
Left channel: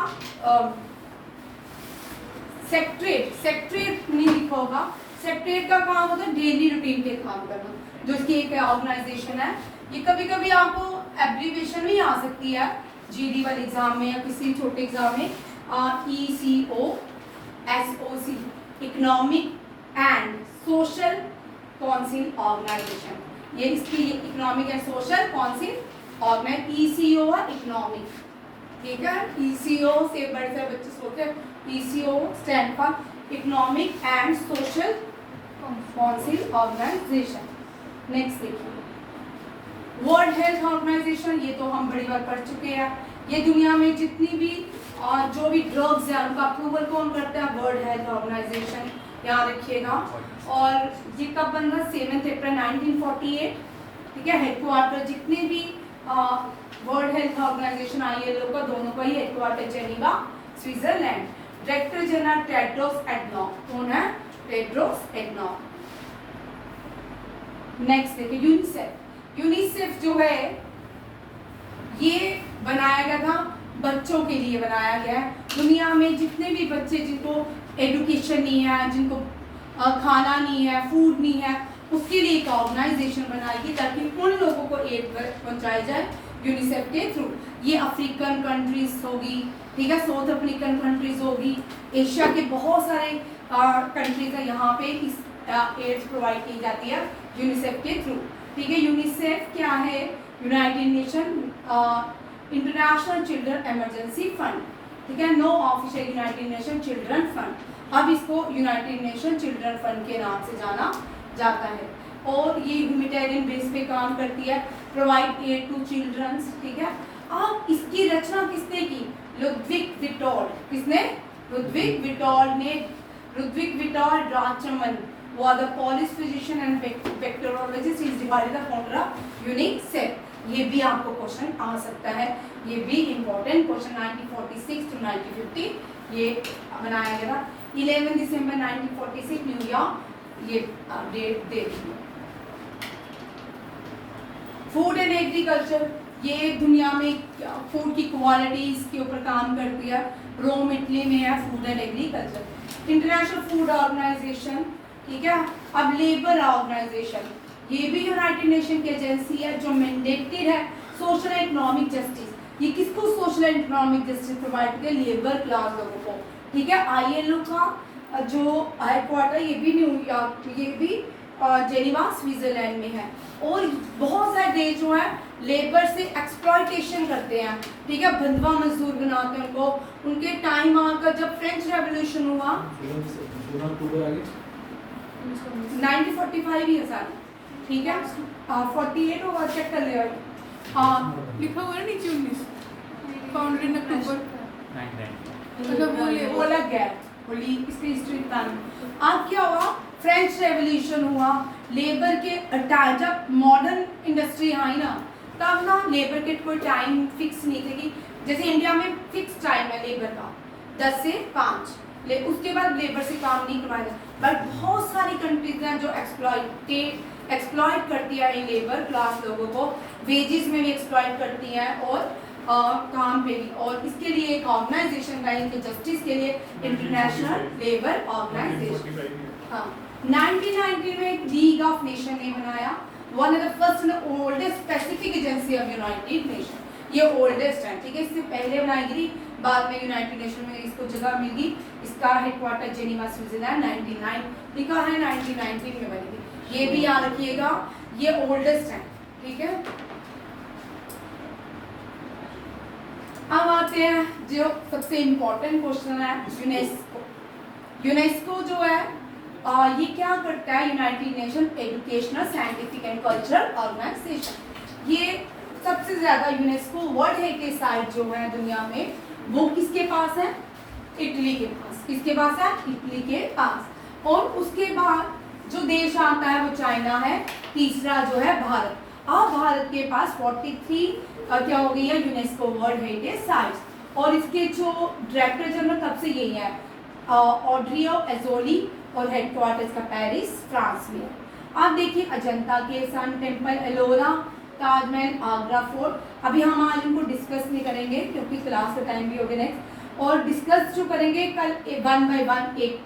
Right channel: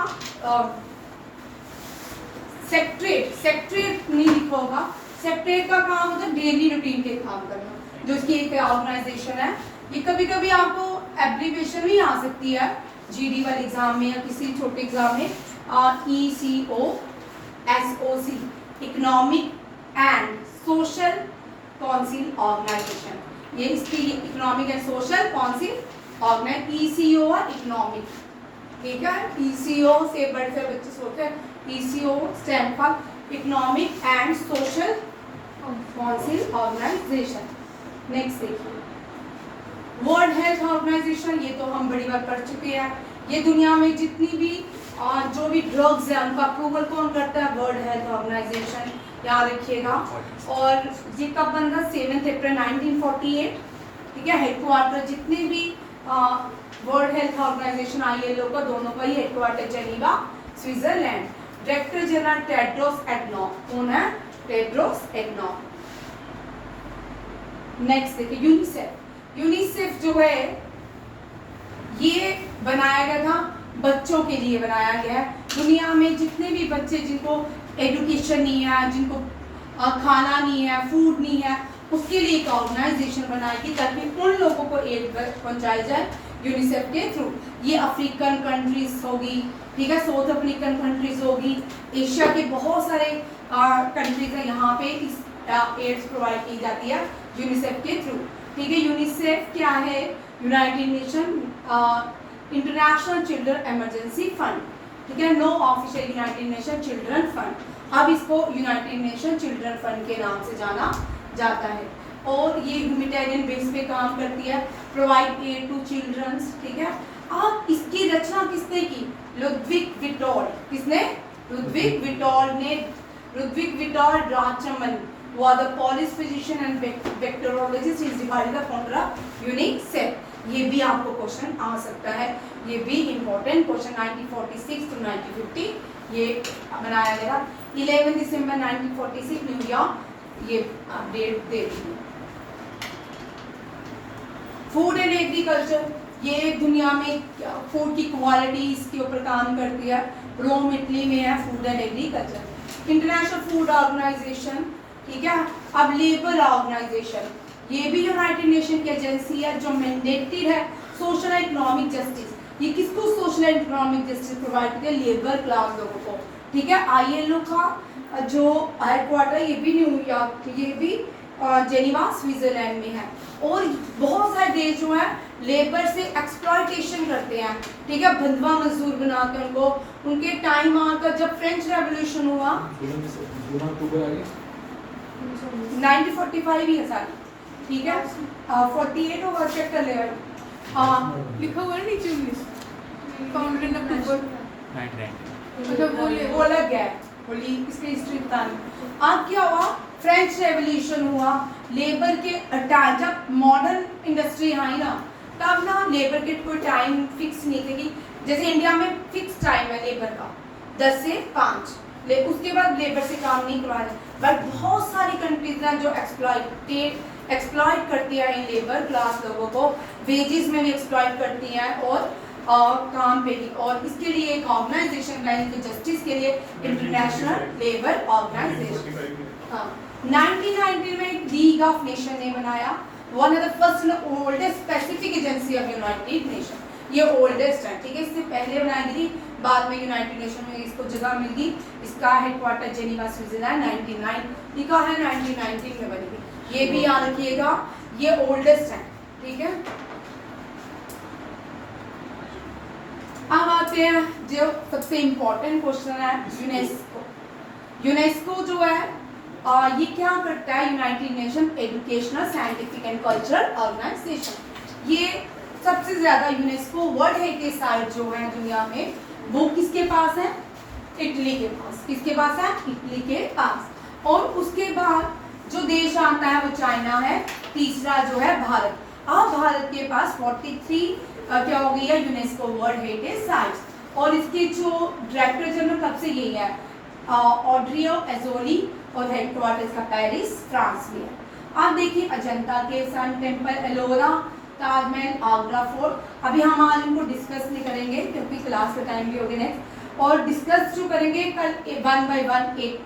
सेक्रेटरीट नहीं लिखा होगा। सेक्रेटरीट का काम होता है डेली रूटीन के काम करना, जो इसकी एक ऑर्गेनाइजेशन है। ये कभी कभी आपको एब्रीविएशन भी आ सकती है GD वाले एग्जाम में या किसी छोटे एग्जाम में, ECOSOC, economic and social council organisation. ये इसकी economic and social council organise, ECO और इकोनॉमिक। ठीक है, ECO से बड़े से बच्चे सोचते हैं, ECO stand for economic and social council organisation. Next देखिए, वर्ल्ड हेल्थ ऑर्गेनाइजेशन, ये तो हम बड़ी बार पढ़ चुके हैं। ये दुनिया में जितनी भी जो भी ड्रग्स है उनका अप्रूवल कौन करता है, वर्ल्ड हेल्थ ऑर्गेनाइजेशन, याद रखिएगा। और ये कब बन रहा, 7 अप्रैल 1948। ठीक है, हेडक्वार्टर जितने भी वर्ल्ड हेल्थ ऑर्गेनाइजेशन ILO का, दोनों का ही headquarter Geneva, Switzerland. Director general Tedros Adhanom, कौन है, टेड्रोस एडनॉम। नेक्स्ट देखिए, यूनिसेफ। यूनिसेफ जो है ये बनाया गया था, बच्चों के लिए बनाया गया है। दुनिया में जितने भी बच्चे जिनको एजुकेशन नहीं है, जिनको खाना नहीं है, फूड नहीं है, उसके लिए एक ऑर्गेनाइजेशन बनाएगी ताकि उन लोगों को एड पहुंचाई जाए यूनिसेफ के थ्रू। ये अफ्रीकन कंट्रीज होगी, ठीक है, साउथ अफ्रीकन कंट्रीज होगी, एशिया के बहुत सारे कंट्रीज हैं, यहाँ पे इस एड्स प्रोवाइड की जाती है यूनिसेफ के थ्रू। ठीक है, यूनिसेफ क्या है, United Nation International Children Emergency Fund. ठीक है, no official United Nation Children Fund, अब इसको यूनाइटेड नेशन चिल्ड्रन फंड के नाम से जाना जाता है। और ये ह्यूमैनिटेरियन बेस पे काम करती है, प्रोवाइड एड टू चिल्ड्रंस। ठीक है, अब इसकी रचना किसने की, लुडविग विटोल। किसने, लुडविग विटोल ने। Ludwig Witold Rachman was the Polish physician and bacteriologist, is divided the founder of UNICEF। ये भी आपको क्वेश्चन आ सकता है, ये भी इम्पोर्टेंट क्वेश्चन 1946 to 1950 ये बनाया गया। 11 दिसंबर 1946 न्यूयॉर्क, ये डेट दे दी। फूड एंड एग्रीकल्चर, ये दुनिया में फूड की क्वालिटी इसके ऊपर काम करती है। रोम इटली में है food and agriculture. International food organisation, ठीक है। अब लेबर ऑर्गेनाइजेशन, ये भी यूनाइटेड नेशन की एजेंसी है जो मैंडेटेड है सोशल एंड इकोनॉमिक जस्टिस। ये किसको social and economic justice provide करती है, लेबर क्लास लोगों को। ठीक है, ILO का जो हेडक्वार्टर ये भी न्यूयॉर्क, ये भी जेनीवा स्विट्जरलैंड में है। और बहुत सारे देश जो है लेबर से एक्सप्लॉयटेशन करते हैं, ठीक है, बंधुआ मजदूर बनाते हैं उनको। उनके टाइम आकर जब फ्रेंच रेवोल्यूशन हुआ 1945 ही है साल, ठीक है, 48 होगा, चेक कर ले भाई। लिखा हुआ है नीचे 19 फाउंडेड इन अक्टूबर। वो अलग है, बोली इसकी हिस्ट्री बतानी। अब क्या हुआ, फ्रेंच रेवोल्यूशन हुआ, लेबर के अटैक, जब मॉडर्न इंडस्ट्री आई ना तब ना लेबर के कोई टाइम फिक्स नहीं थी कि जैसे इंडिया में फिक्स टाइम है लेबर का 10 से 5, उसके बाद लेबर से काम नहीं करवाना। बट बहुत सारी कंट्रीज हैं जो एक्सप्लॉइट करती है इन लेबर क्लास लोगों को, वेजेस में भी एक्सप्लॉइट करती हैं और काम पे भी। और इसके लिए एक ऑर्गेनाइजेशन है इनके जस्टिस के लिए, इंटरनेशनल लेबर ऑर्गेनाइजेशन। हाँ, 1990 में लीग ऑफ नेशन ने बनाया, one of the first and oldest specific agency of United Nation. ये ओल्डेस्ट है, ठीक है। इससे पहले बनाई गई, बाद में यूनाइटेड नेशन में इसको जगह मिल गई। इसका हेडक्वार्टर जेनीवा स्विट्जरलैंड 1909 लिखा है, 1919 में बनी थी। ये भी याद रखिएगा, ये ओल्डेस्ट है, ठीक है। अब आते हैं जो सबसे इम्पोर्टेंट क्वेश्चन है, यूनेस्को। यूनेस्को जो है ये क्या करता है? United Nation educational, scientific and cultural organisation. ये सबसे ज्यादा यूनेस्को वर्ल्ड हेरिटेज साइट जो है दुनिया में, वो किसके पास है? इटली के पास। किसके पास है? इटली के पास। और उसके बाद जो देश आता है वो चाइना है, तीसरा जो है भारत। अब भारत के पास 43 क्या हो गई है? UNESCO world heritage sites. और इसके जो डायरेक्टर जनरल तब से यही है, ऑड्रियो एजोली, और हेडक्वार्टर इसका पेरिस, फ्रांस में। आप देखिए अजंता के sun temple, Ellora, Taj Mahal, Agra fort. अभी हम आज इनको डिस्कस नहीं करेंगे क्योंकि क्लास का टाइम भी हो गया नेक्स्ट। और डिस्कस जो करेंगे कल 1 बाय 1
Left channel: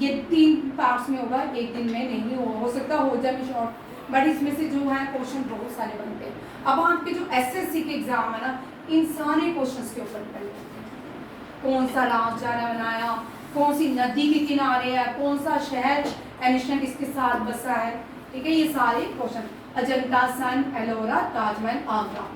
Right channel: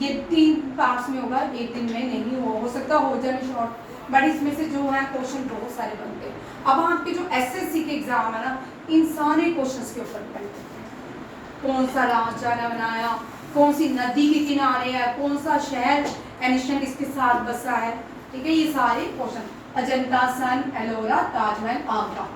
ये 3 पार्ट्स में होगा, एक दिन में नहीं हो सकता हो जाए शॉर्ट, बट इसमें से जो है क्वेश्चन बहुत सारे बनते हैं। अब आपके जो एसएससी के एग्जाम है ना, इन सारे क्वेश्चंस के ऊपर डिपेंड है। कौन सा राजचारा बनाया, कौन सी नदी के किनारे है, कौन सा शहर एनिशंट इसके साथ बसा है, ठीक है। ये सारे क्वेश्चन, अजंता, सन, एलोरा, ताजमहल, आगरा।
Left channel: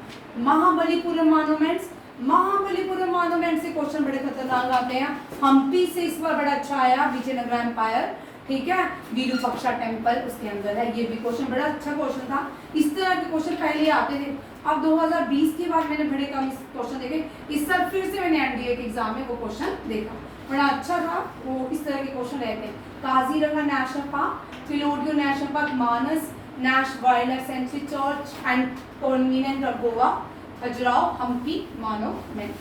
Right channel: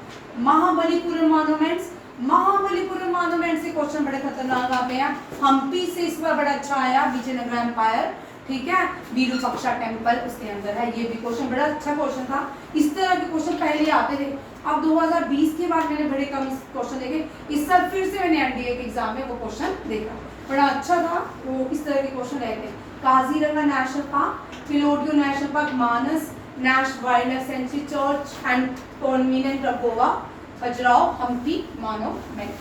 महाबलीपुरम मॉन्यूमेंट्स, महाबलीपुरम मॉन्यूमेंट से क्वेश्चन बड़े खतरनाक आते हैं। हम्पी से इस बार बड़ा अच्छा आया, विजयनगर एम्पायर, ठीक है। विरूपाक्षा टेम्पल उसके अंदर है, ये भी क्वेश्चन बड़ा अच्छा क्वेश्चन था। इस तरह के क्वेश्चन पहले आते थे। अब 2020 के बाद मैंने बड़े कम क्वेश्चन देखे। इस साल फिर से मैंने एनडीए के एग्जाम में वो क्वेश्चन देखा, बड़ा अच्छा था। वो इस तरह के क्वेश्चन रहते हैं। Kaziranga National Park, Keoladeo National Park, Manas National Wildlife Sanctuary, Church and Convent of Goa, Khajuraho, Hampi monument.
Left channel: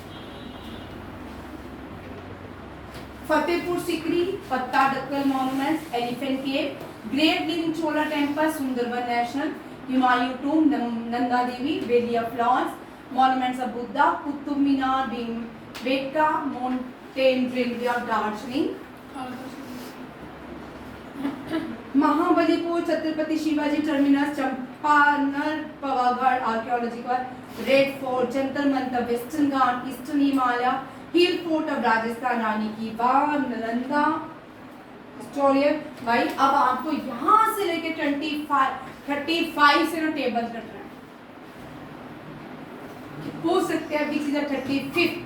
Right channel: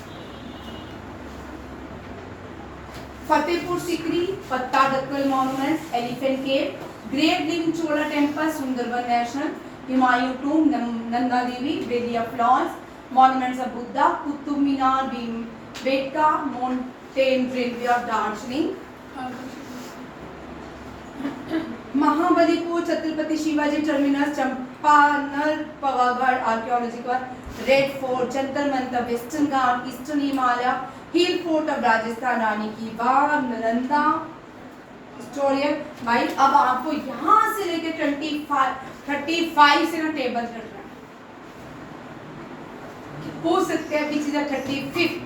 Fatehpur Sikri, Pattadakal monuments, elephant cave, great living Chola temple, Sundarban national, Humayun tomb, Nanda Devi, Valley of Flowers, monuments of Buddha, Qutub Minar, बेटका, mountain railway of Darjeeling, Mahabalipur, Chhatrapati Shivaji Terminus, Champaner Pavagadh archaeological, Red Fort, Jantar Mantar, Western Ghat, Eastern Himalaya, hill fort of Rajasthan, रानी की बाग, Nalanda historian. भाई अब आपको यहाँ से लेके 35 से ना टेबल कट रहा है, पूछ सकते हैं which is the 35th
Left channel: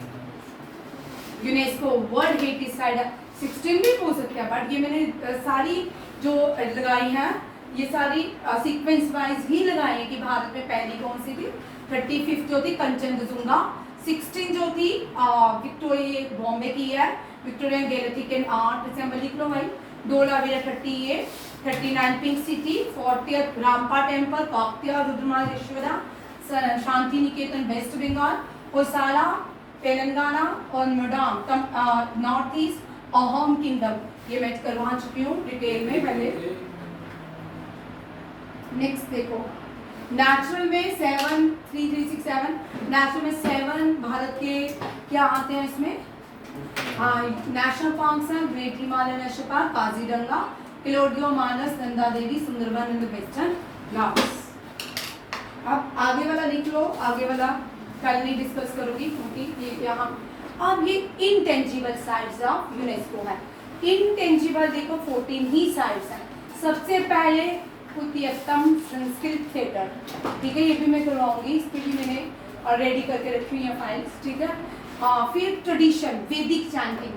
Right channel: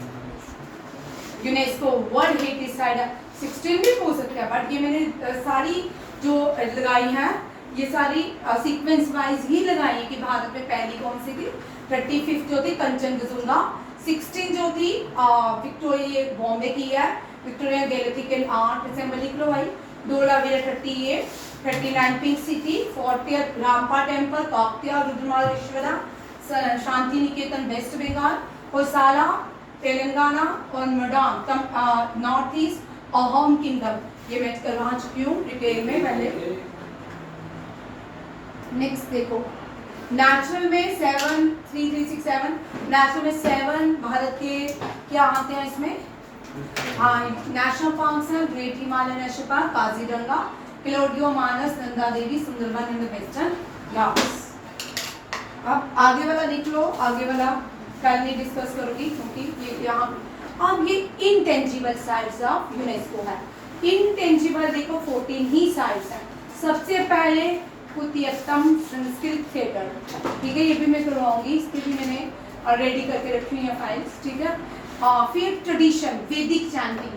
UNESCO world heritage site. 16 भी पूछ सकते हैं, बट ये मैंने सारी जो लगाई है ये सारी सीक्वेंस वाइज ही लगाई है कि भारत में पहली कौन सी थी। 35th जो थी कंचनजंगा, 16 जो थी विक्टोरिया बॉम्बे की है, विक्टोरिया गैलेरिक एंड आर्ट असेंबली लिख लो भाई। Dholavira 38, 39 pink city, 40 Ramappa temple, Kakatiya Rudramaleshwara, Shanti Niketan West Bengal, Hoysala Telangana, और नोडाम नॉर्थ ईस्ट, अहोम किंगडम। ये मैं करवा चुकी हूँ डिटेल में पहले। नेक्स्ट देखो, नेचुरल में 7, 3367, नेचुरल में 7 भारत के क्या आते हैं इसमें? हाँ, नेशनल पार्क्स हैं, Great Himalaya National Park, Kaziranga, Keoladeo, Manas, Nanda Devi, Sundarban and Western Ghats. अब आगे वाला लिख लो, आगे वाला कल नहीं डिस्कस करूंगी क्योंकि ये यहाँ। अब ये इनटेंजिबल साइट्स ऑफ यूनेस्को है। इनटेंजिबल देखो 14 ही साइट्स हैं। सबसे पहले कुतियत्तम संस्कृत थिएटर, ठीक है, ये भी मैं करवाऊंगी, इस पर भी मैंने रेडी करके रखी हुई है फाइल्स, ठीक है। फिर ट्रेडिशन, वैदिक चैंटिंग,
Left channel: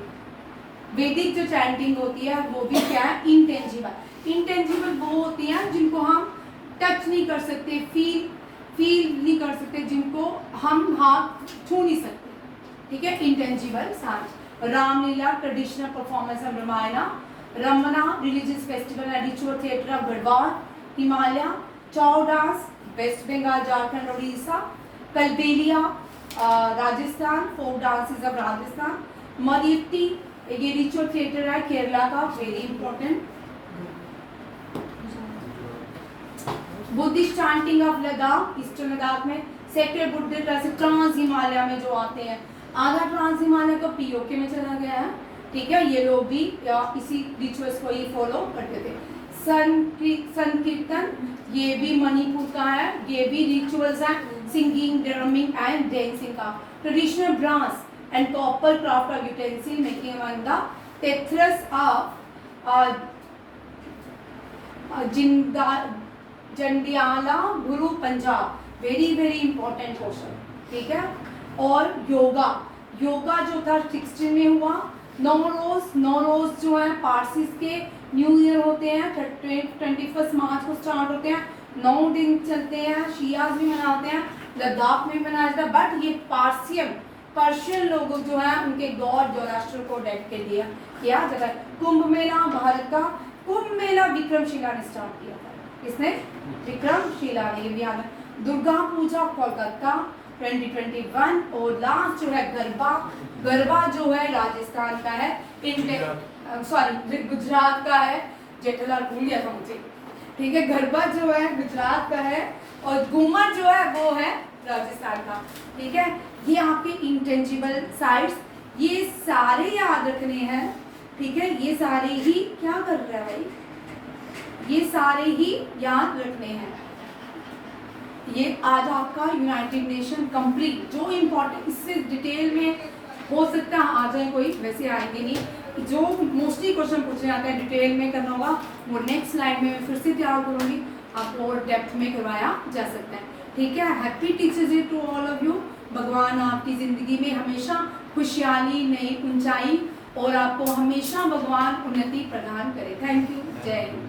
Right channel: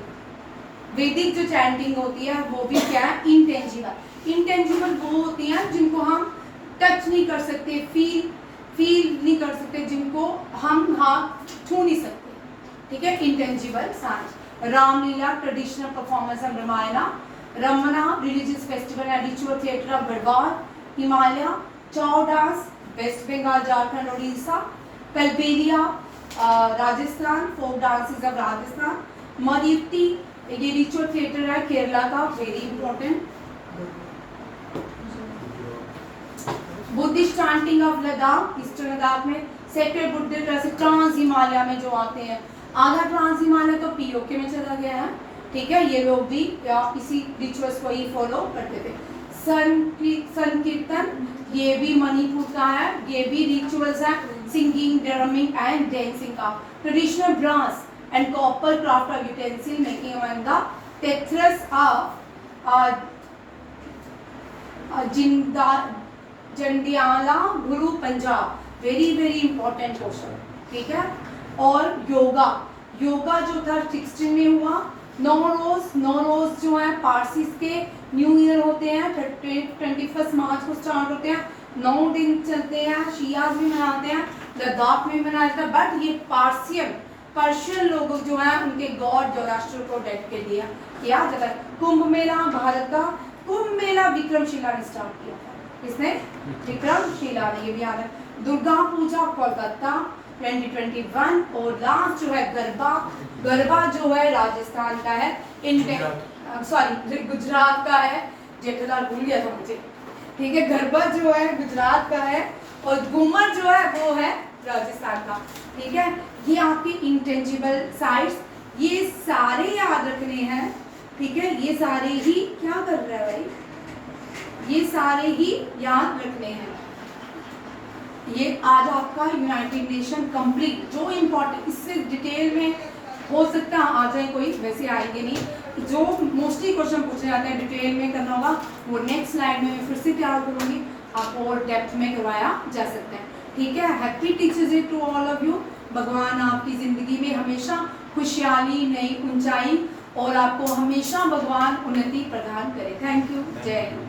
वैदिक जो चैंटिंग होती है वो भी क्या है? इनटेंजिबल। इनटेंजिबल वो होती हैं जिनको हम टच नहीं कर सकते, फील नहीं कर सकते, जिनको हम हाथ छू नहीं सकते, ठीक है, intangible science. Ramlila, traditional performance of Ramayana, Ramman, religious festival and ritual theatre of Garhwal, Himalaya, Chhau dance, West Bengal, Jharkhand, Orissa. Kalbelia Rajasthan, folk dances of Rajasthan. मरीती ये रिचुअल थिएटर है केरला का, very important. Buddhist chanting of Ladakh, Eastern Ladakh में। सेक्टर बुद्ध जैसे ट्रांस हिमालय में जो आते हैं, आधा ट्रांस हिमालय तो पीओके में चला गया है, ठीक है। ये लोग भी इसी रिचुअल्स को ही फॉलो करते थे। संकीर्तन ये भी मणिपुर का है, ये भी रिचुअल्स है, सिंगिंग, ड्रमिंग एंड डांसिंग का। Traditional brass and copper craft of utensil making among the Thatheras of Jandiala Guru Punjab, very very important question, ठीक है। और योगा, योगा जो था 16 में हुआ। नौरोज जो है पारसीज के न्यू ईयर होते हैं, 21 मार्च को स्टार्ट होते हैं, 9 दिन चलते हैं। शियाज भी मनाते हैं, लद्दाख में मनाया जाता है, बट ये पर्शियन लोग जो है उनके गॉड जोराष्ट्र को डेट के दिया किया जाता है। कुंभ मेला भारत का, कुंभ मेला विक्रमशिला ने स्टार्ट किया था, इसने विक्रमशिला ने, ये भी याद है। दुर्गा पूजा कोलकाता 2021। और लास्ट जो है गरबा, गरबा जो है राजस्थान का है, सॉरी गुजरात का है, जेठालाल भूल गया था मुझे, ठीक है। गरबा जो है गुजरात का है और घूमर जो है वो है राजस्थान का, ठीक है। ये आपके इंटेंजिबल साइट्स, ये सारे याद रखने हैं, ठीक है। ये सारे ही क्या कर रहा है भाई, ये सारे ही याद रखने हैं। ये आज आपका यूनाइटेड नेशन कंप्लीट, जो इम्पोर्टेंट, इससे डिटेल में हो सकता है आ जाए कोई, वैसे आएंगे नहीं। जो मोस्टली क्वेश्चन पूछे जाते हैं डिटेल में करना होगा, वो नेक्स्ट स्लाइड में मैं फिर से तैयार करूँगी, आपको और डेप्थ में करवाया जा सकता है, ठीक है। Happy teachers day to all of you. भगवान आपकी ज़िंदगी में हमेशा खुशहाली, नई ऊंचाई और आपको हमेशा भगवान उन्नति प्रदान करे। थैंक यू, जय हिंद।